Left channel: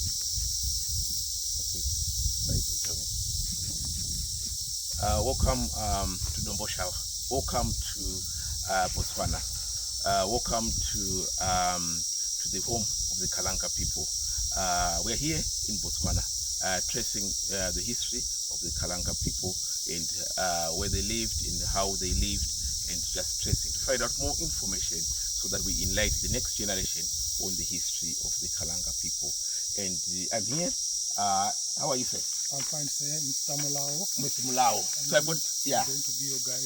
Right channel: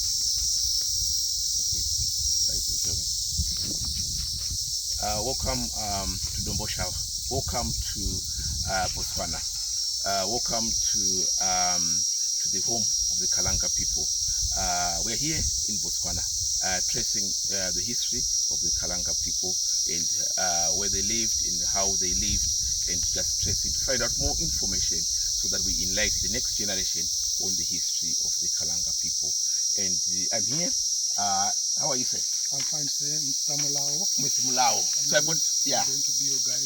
Okay, right, you tell me. Welcome to Domboshava. Welcome to Botswana. Welcome to the home of the Kalanga people. We're here in Botswana, tracing the history of the Kalanga people and where they lived and how they lived, and just tracing to find out more information so that we enlighten the next generation on the history of the Kalanga people. And I'm here. How are you, sir? I'm fine, sir. Mr. Mulao. Mr. Mulao. So I'm going to be your guide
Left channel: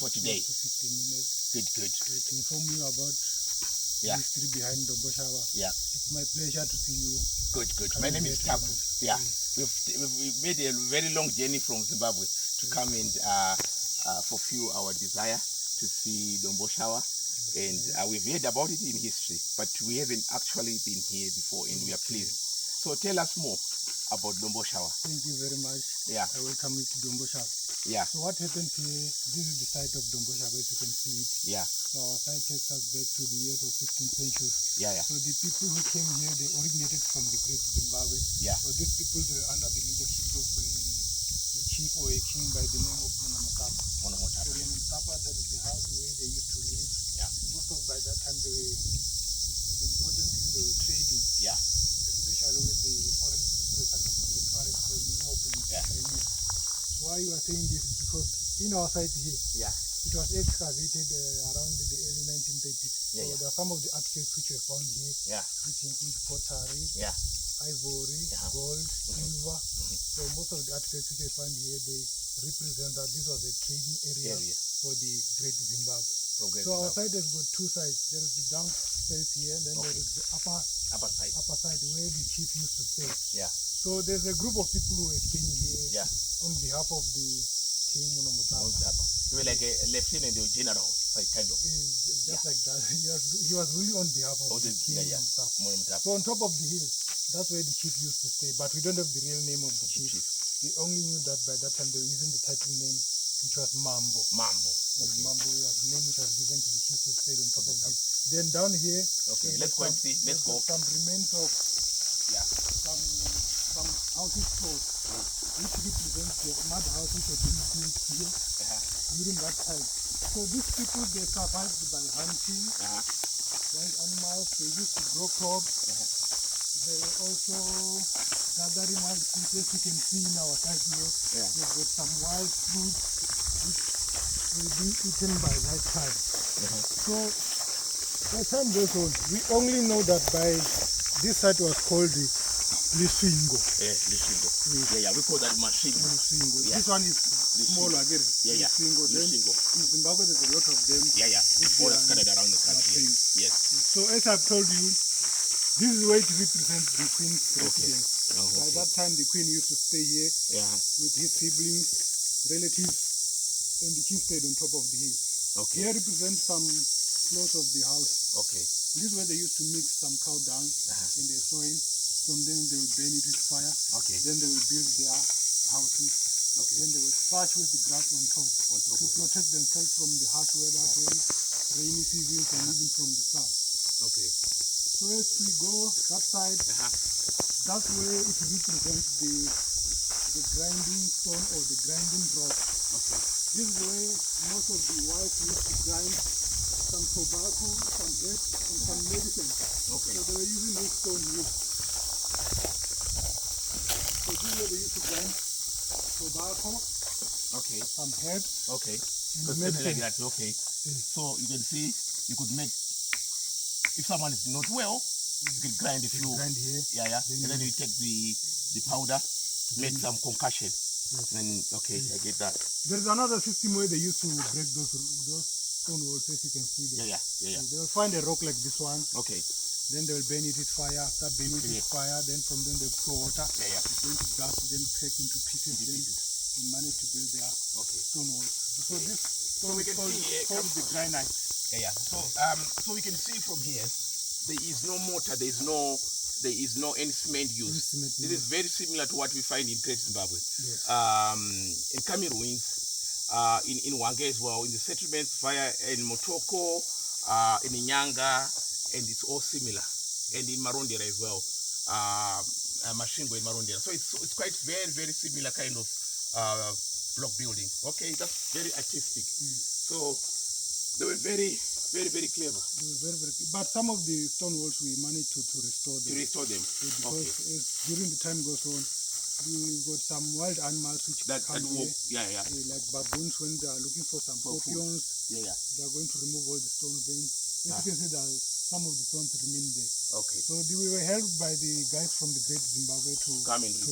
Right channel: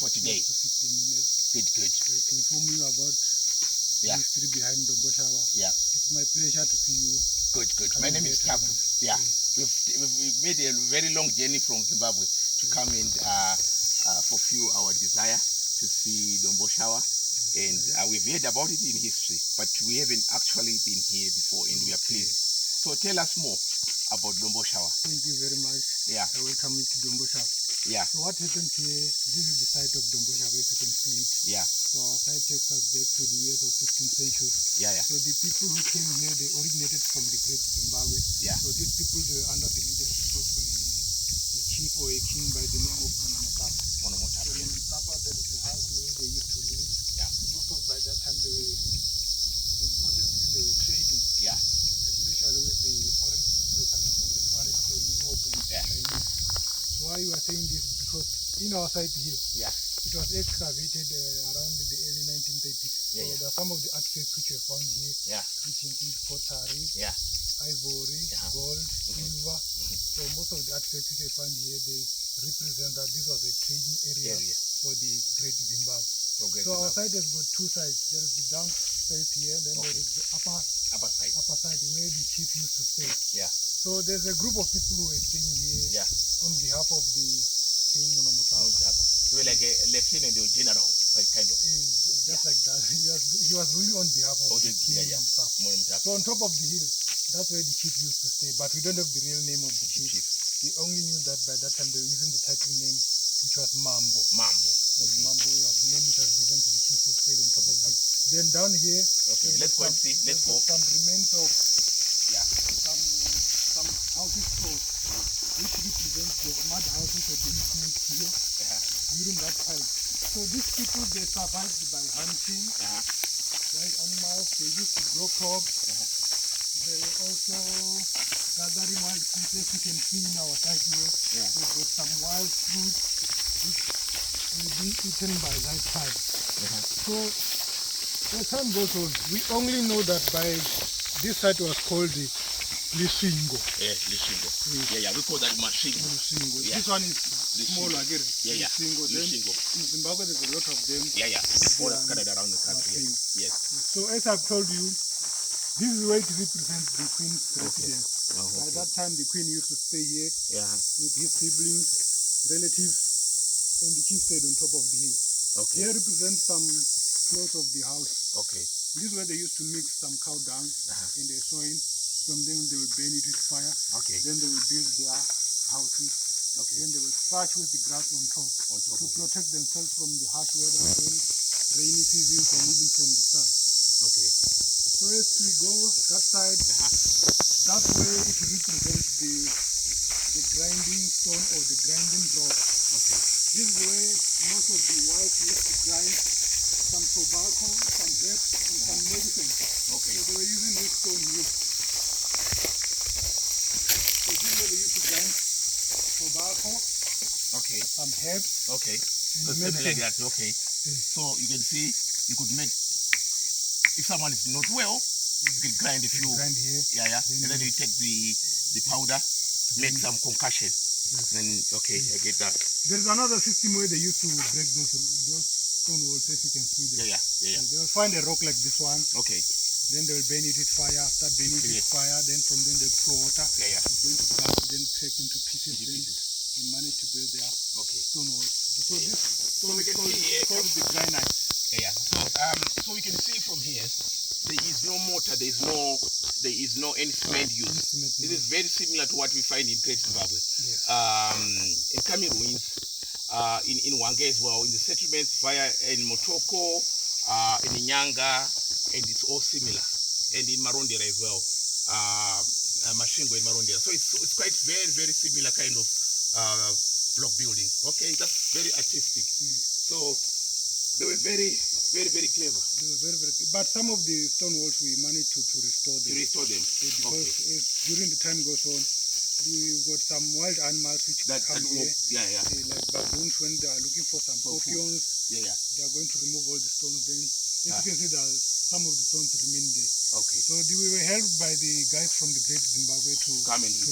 for today. To 15 minutes. Good. To inform you about the history behind Domboshava. Yeah. It's my pleasure to see you. Good. My name is Tapu. Yeah. We've made a very long journey from Zimbabwe to come and fulfill our desire to see Domboshava. And we've heard about it in history, but we haven't actually been here before, and we are pleased. So tell us more about Domboshava. Thank you very much. Yeah. I welcome you to Domboshava. Yeah. So what happened here, this is the site of Domboshava, if you can see it. Yeah. So our site takes us back to the years of 15th century. Yeah. So the people who came here, they originated from the Great Zimbabwe. Yeah. So these people, they were under the leadership of a chief or a king by the name of Monomotapa. So Monomotapa, that is the house where they used to live. Yeah. Most of by that time, the important thing they were trading. Yeah. Especially with the foreign people such as Europe and Chinese. So why you are saying this is because in our site here, it was excavated around the early 1930s. So there are some of the artifacts which were found here, which include pottery, ivory, gold, silver. So most of the artifacts which were found here, they represent that this was a trading area for the Great Zimbabwe. So our site has got two sides. There is the downstairs here, and then there is the upper side where the chief used to stay. Yeah. So there's a group of people who were staying here on behalf of the King Monomotapa. They were like a lieutenant or general, like kind of. Just like that. He was really on behalf of the King Monomotapa. So on top of the hill, that's where the chief used to stay. But we don't have the real name of the chief. We only knew that by that time they were using the title name, which was Mambo. Okay. Mambo was the name which was given to the chief who stayed on top of it. Then down here, let's go and see. Let's go. Some remains of some houses closed, which represents the mud house which had been built here during that time. So these people, they survived by hunting wild animals. They used to grow crops. They were also gathering wild fruit, as you can see in our side here. We've got some wild fruit which will be eaten by that time. So as time goes on, we only know that by this site was called the Lisingo. Lisingo. We call that Mashingo. Lisingo. This one is smaller again. Lisingo. Then in Zimbabwe there's a lot of them. All scattered around the country. Yes. So as I've told you, this is where it represents the Queen's residence. By that time the Queen used to stay here with his siblings, relatives, and the chief stayed on top of the hill. Here represents some floors of the house. This is where they used to mix some cow dung in the soil. From them they will burn it with fire. Then they will build their houses. Then they will thatch with the grass on top to protect themselves from the harsh weather, rainy seasons, and even from the sun. So as we go that side, that's where it represents the grinding stone or the grinding rock. This is where most of the whites used to grind some tobacco, some herbs, and some medicine. So they were using this stone here. So this is where they used to grind tobacco, some herbs, and medicine. Like that. So you can see, you could make, if someone is not well, you can grind a few. Grind here. And then you take the powder, make some concussion. And I get that. There's another system where they used to break those stone walls, as you can see there. They will find a rock like this one. Then they will burn it with fire. After burning it with fire, then from them they pour water. It's going to burst, then crack into pieces. Then they manage to build their stone walls. So this stone is called the granite. So we can see from here, there is no mortar, there is no any cement used. This is very similar to what we find in Great Zimbabwe. In Kami ruins, in Wange as well, in the settlements via in Motoko, in Nyanga, and it's all similar. And in Marondera as well. Mashingo in Marondera. So it's quite very, very similar kind of block building. Okay, that's very artistic. So they were very, very, very clever. They were very, very. But some of the stone walls we managed to restore them. To restore them. Because during the time goes on, we got some wild animals which come here. Like baboons when they are looking for some scorpions. They are going to remove all the stones. Then, as you can see, some of the stones remain there. Okay. So we were helped by the guys from the Great Zimbabwe to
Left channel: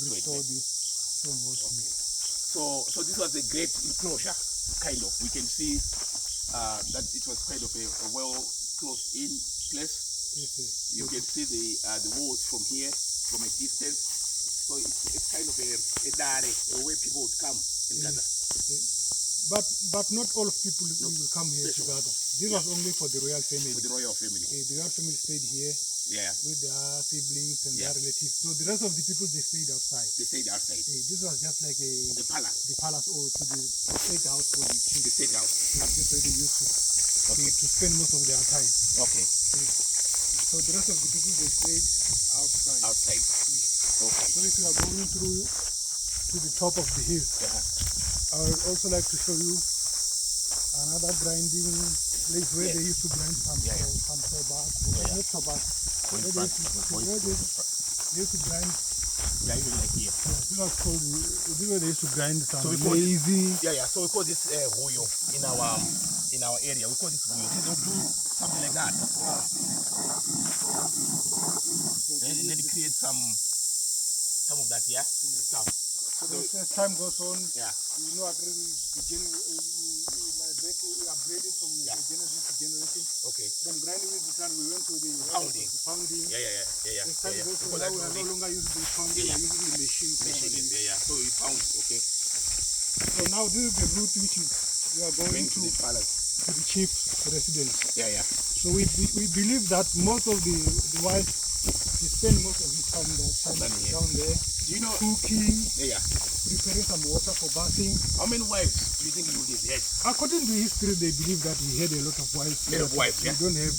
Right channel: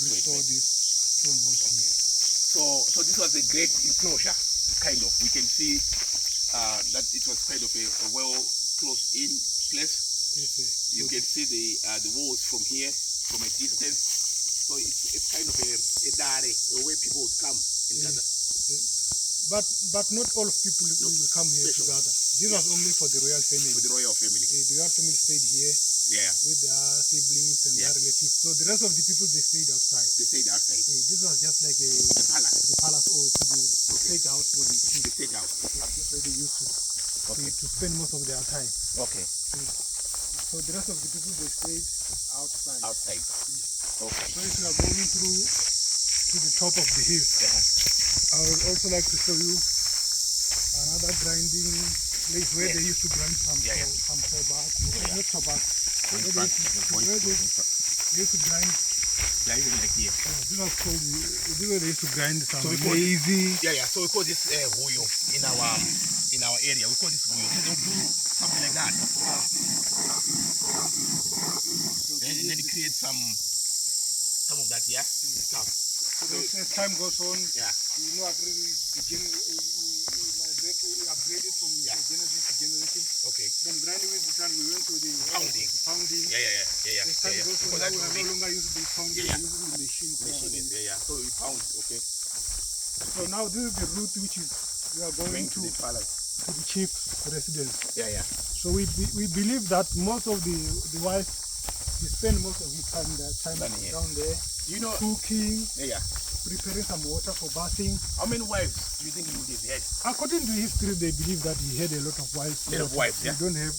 restore these stone walls here. So this was a great enclosure, kind of. We can see that it was kind of a well closed in place. Yes, sir. You can see the walls from here, from a distance. So it's kind of a dare, where people would come and gather. But not all of people will come here to gather. This was only for the royal family. For the royal family. The royal family stayed here with their siblings and their relatives. So the rest of the people, they stayed outside. They stayed outside. This was just like the palace. The palace or to the state house for the chief. The state house. This is where they used to spend most of their time. Okay. So the rest of the people, they stayed outside. Outside. Okay. So if you are going through to the top of the hill, I would also like to show you another grinding place where they used to grind some sobat. Not sobat. Where they used to grind. Yeah, even like here. This was called. This is where they used to grind some lazy. So we call this huyo in our area. We call this huyo. So they'll do something like that. And then create some of that, stuff. So as time goes on, we upgraded from generation to generation. Okay. From grinding with the time we went to the pounding. As time goes on, now we are no longer using the pounding, we are using the machine. So we pound, okay. So now this is the route which we are going to the chief's residence. So we believe that most of the wife, he spent most of his time down there, cooking, preparing some water for bathing. How many wives do you think he would have had? According to history, they believe that he had a lot of wives. We don't have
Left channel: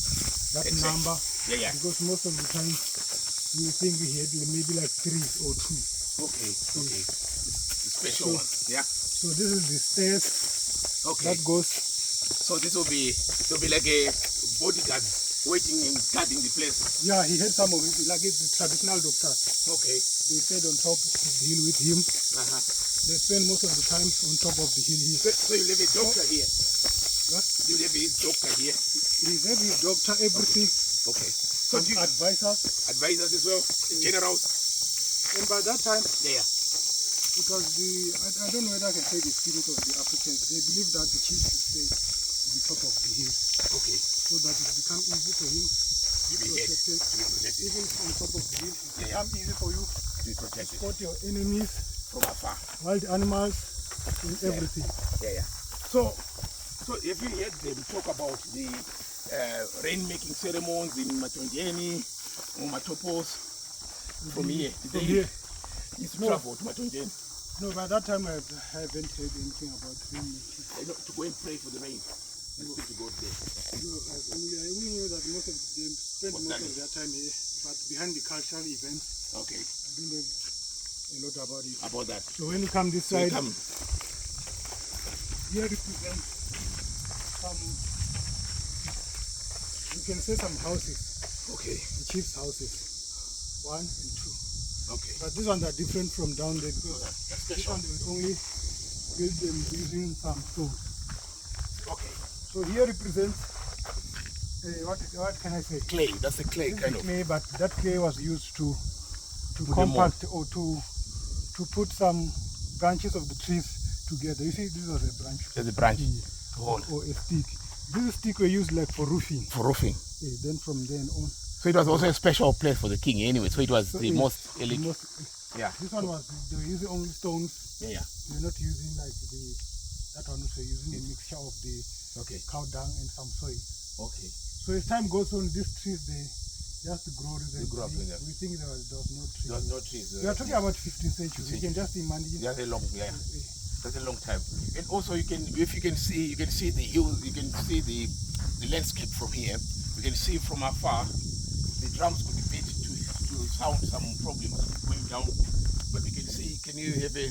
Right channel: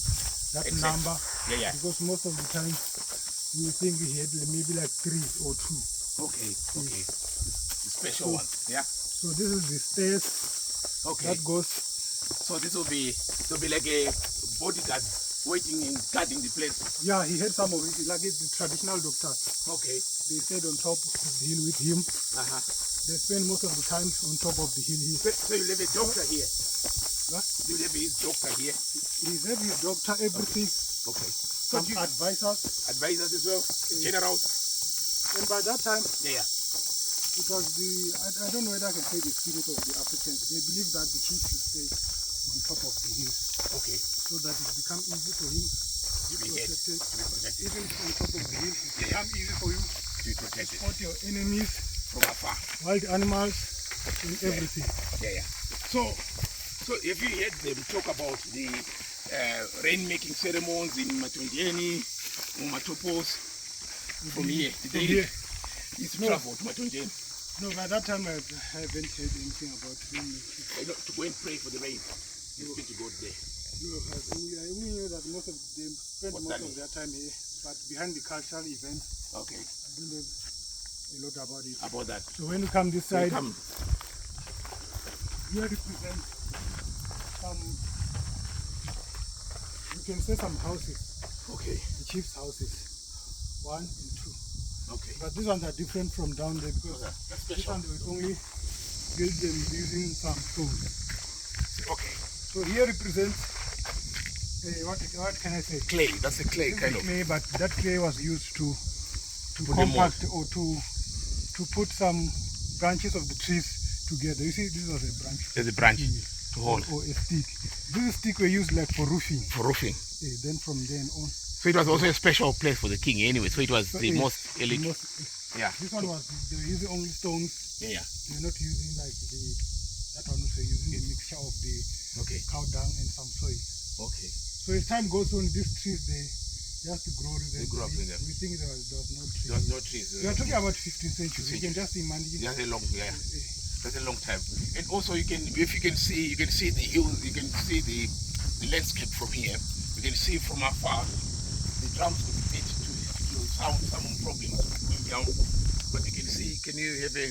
that number because most of the time we think he had maybe like 3 or 2. Okay. The special one. So this is the stairs that goes. So this will be like a bodyguard waiting and guarding the place. Yeah, he had some of it, like it's the traditional doctors. Okay. They stayed on top of the hill with him. They spend most of the time on top of the hill here. So you have a doctor here? What? You have his doctor here? He have his doctor, everything. Okay. So advisors. Advisors as well, generals. And by that time, it was I don't know whether I can say the spirit of the Africans. They believe that the chief should stay on top of the hill. Okay. So that it becomes easy for him to be protected. Even on top of the hill, it becomes easy for you to be protected. Spot your enemies from afar. Wild animals and everything. So if you heard them talk about the rain-making ceremonies in Matongeni or Matopos from here, they used to travel to Matongeni. No, by that time I haven't heard anything about rain-making. To go and pray for the rain. And to go there. No, I only knew that most of them spend most of their time here, but behind the cultural events, I don't know a lot about it. About that. So when you come this side, here represents some, you can say some houses. Okay. The chief's houses, 1 and 2. Okay. But these ones are different from down there because this one they would only build them using some stone. Okay. So here represents what can I say? Clay. That's a clay kind of. Clay, but that clay was used to compact or to put some branches of the trees together. You see, this was a branch. There's a branch to hold. Or a stick. This stick were used like for roofing. For roofing. Then from then on. So it was also a special place for the king anyway. So it was the most elite. This one was, they were using only stones. They were not using like that one was using a mixture of the cow dung and some soil. Okay. So as time goes on, these trees they just grow. They grow up in there. We think there was no trees. There was no trees. We are talking about 15th century. You can just imagine. That's a long, that's a long time. And also you can, if you can see the hills, you can see the landscape from here. You can see from afar the drums could be beat to found some problems going down, but you can see. Can you have a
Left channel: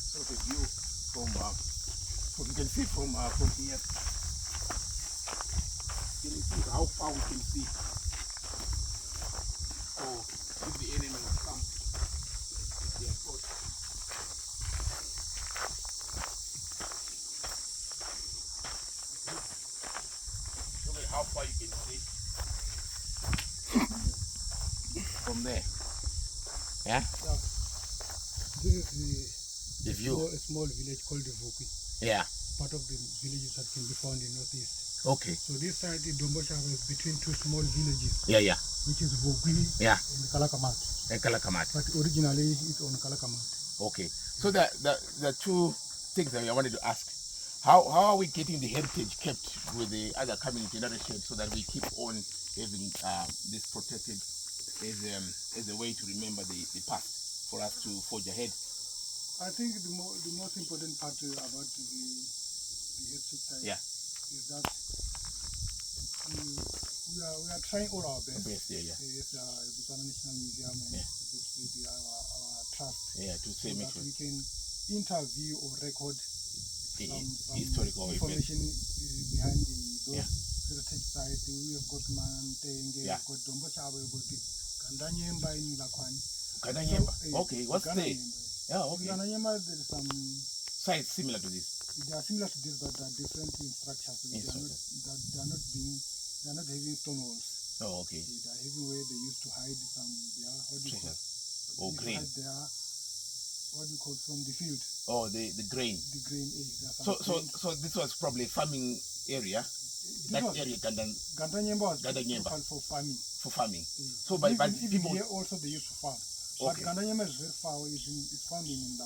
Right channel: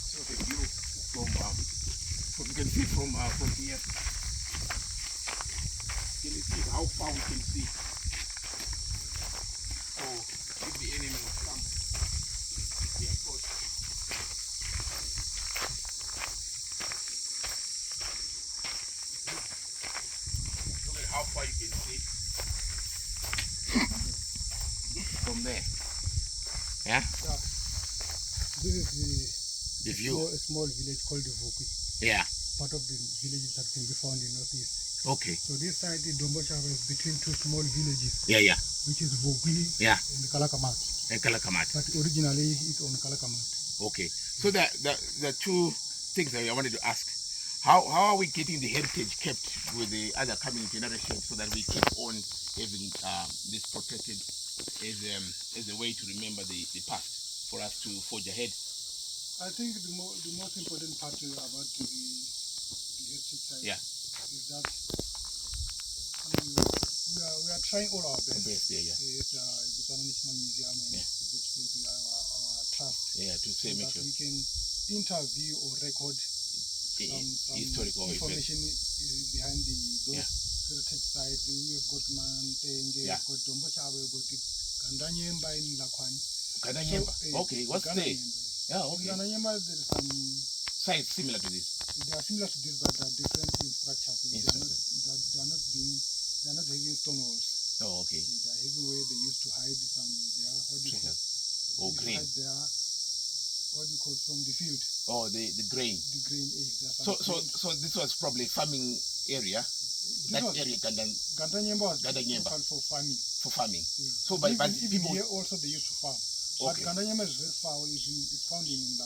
sort of view from? What you can see from here. Can you see how far we can see? So if the enemy will come, they approach. Look at how far you can see from there. Yeah. This is The view. A small village called the Vokwi. Yeah. Part of the villages that can be found in northeast. Okay. So this side in Domboshava is between two small villages. Yeah, yeah. Which is Vokwi Yeah. and Kalakamat. And Kalakamat. But originally it's on Kalakamat. Okay. So the two things that I wanted to ask. How are we getting the heritage kept with the other coming generations so that we keep on having this protected as a way to remember the past for us to forge ahead? I think the most important part about the heritage side is that we are trying all our best. Yeah. With Botswana National Museum and with our trust. Yeah, to say, so make that sure we can interview or record some historical information behind those Yeah. heritage sites. We have got Mantenge, Yeah. we've got Domboshava, we've got the Gandanyemba in Lakwani. Gandanyemba. Okay, what's the? Yeah, okay. Gandanyemba, there is some Sites similar to this. they are similar to this, but they are different in structure. So they are not having stone walls. Oh, okay. They are having where they used to hide some Treasures. call Grain. What do you call from the field? Oh, the grain. The grain. So this was probably a farming area. Gandanyemba was for farming. For farming. So but people here also they used to farm. Okay. But Gandanyemba is very far away. It's found in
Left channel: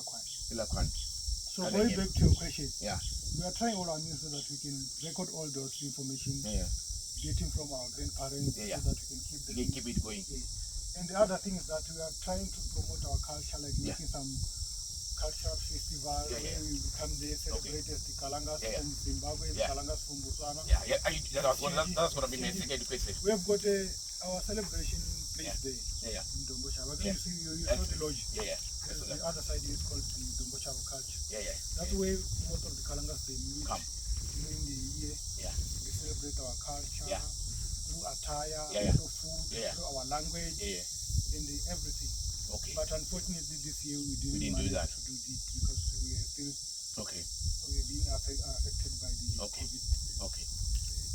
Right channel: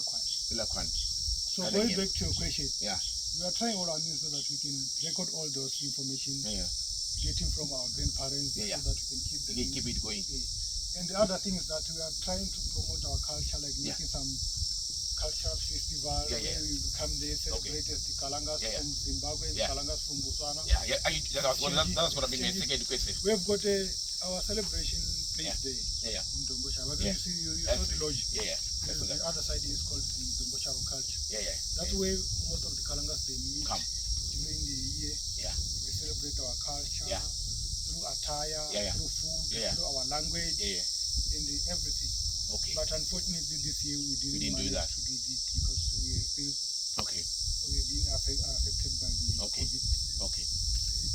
Lakwani. So going back to your question, we are trying all our means so that we can record all those information, getting from our grandparents, so that we can keep it going. And the other thing is that we are trying to promote our culture, like making some cultural festival where we come there, celebrate as the Kalangas from Zimbabwe, the Kalangas from Botswana. That's what I've been saying. We have got our celebration place there in Domboshava. You see, you saw the lodge. The other side is called the Domboshava culture. That's where most of the Kalangas they meet during the year. We celebrate our culture through attire, through food, through our language, and everything. Okay. But unfortunately, this year we didn't do that. to do this because we are still we are being affected by the COVID. Okay.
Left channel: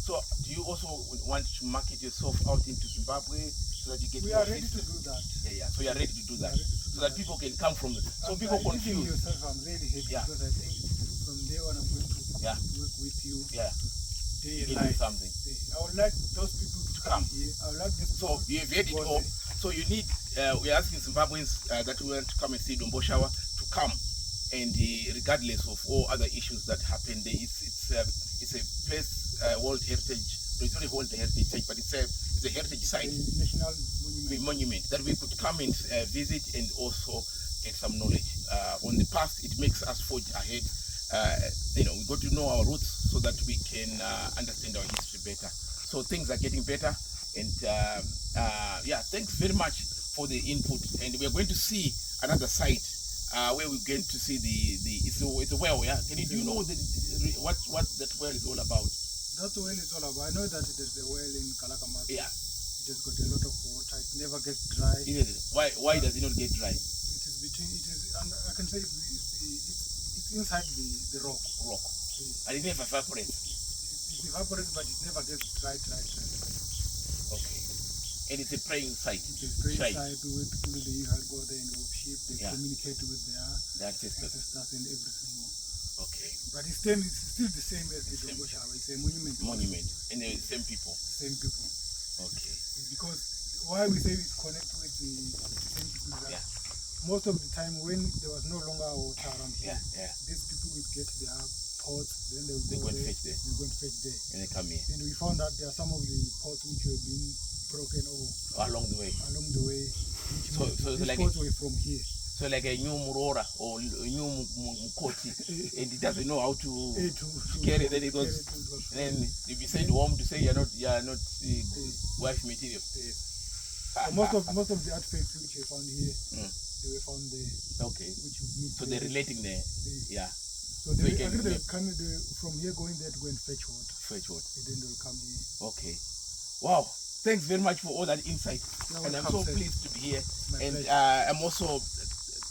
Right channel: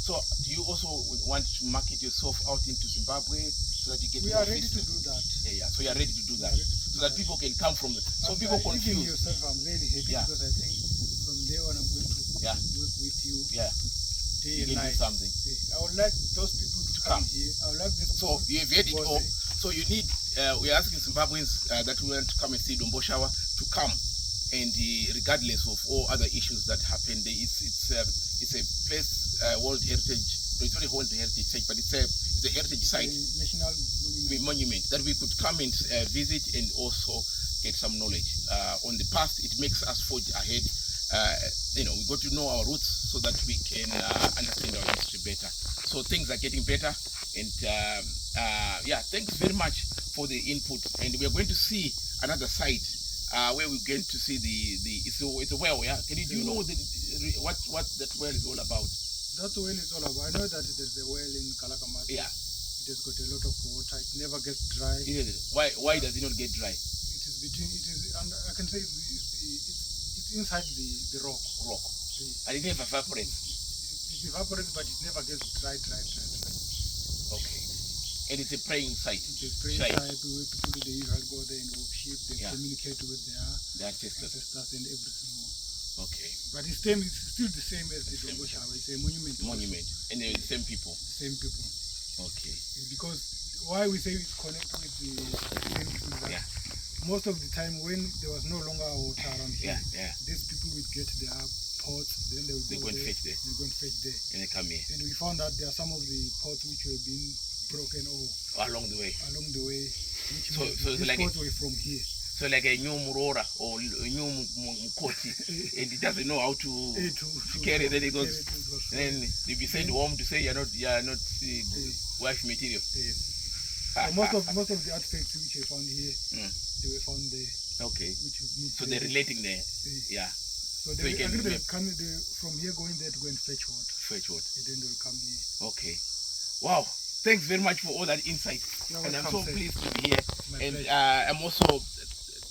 So, do you also want to market yourself out into Zimbabwe so that you get? We are ready to do that. So you are ready to do that, so that people can come from. So people confused. Yourself, I'm really happy because I think from there on I'm going to work with you. Day and night. Something. I would like those people to come here. I would like them. So you have had it all. So you need. We are asking Zimbabweans that we want to come and see Domboshava to come, and regardless of all other issues that happen, there it's a place World Heritage. It's not a World Heritage site, but it's a heritage site, national monument that we could come and visit and also get some knowledge on the past. It makes us forge ahead. We got to know our roots so that we can understand our history better. So things are getting better, and thanks very much for the input. And we are going to see another site where we're going to see it's a well. Do you know what that well is all about? That well is all about. I know that there's a well in Kalakamat. It has got a lot of water. It never gets dry. Why does it not get dry? I can say it's inside the rock. And it never evaporates. It evaporates, but it never gets dry. Okay. And it's a praying site. It's a praying site where people they usually go there and worship. They communicate with their ancestors and everything more. Okay. But it's still the same as the Domboshava. It's a monument. And they're the same people. Okay. Because why we say it's connected with the same people is that most of the time when there was no longer water around here, these people would get their pots, then they would go and fetch there. They go and fetch there. And they come here. And we found that there are some of the pots which were being broken along the way. Which these pots were from here. So like a new Murora or a new Mukoti, and he doesn't know how to carry it. Then he goes, and then if you send home to say you're not wife material. most of the artifacts which were found here, they were found there. Okay. Which would mean So they're relating there. Yeah. So they come from here going there to go and fetch water. Fetch water. And then they'll come here. Okay. Wow. Thanks very much for all that insight. And I'm so pleased to be here. And I'm also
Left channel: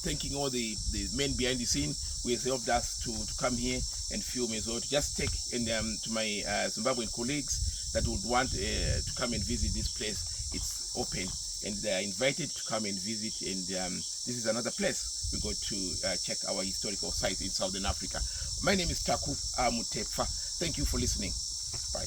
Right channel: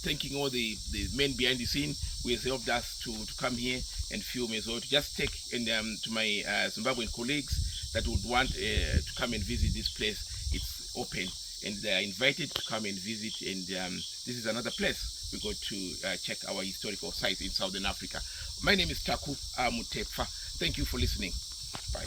thanking all the men behind the scene who has helped us to come here and film as well. To just take and to my Zimbabwean colleagues that would want to come and visit this place. It's open and they are invited to come and visit. And this is another place we go to check our historical sites in Southern Africa. My name is Taku Mutefa. Thank you for listening. Bye.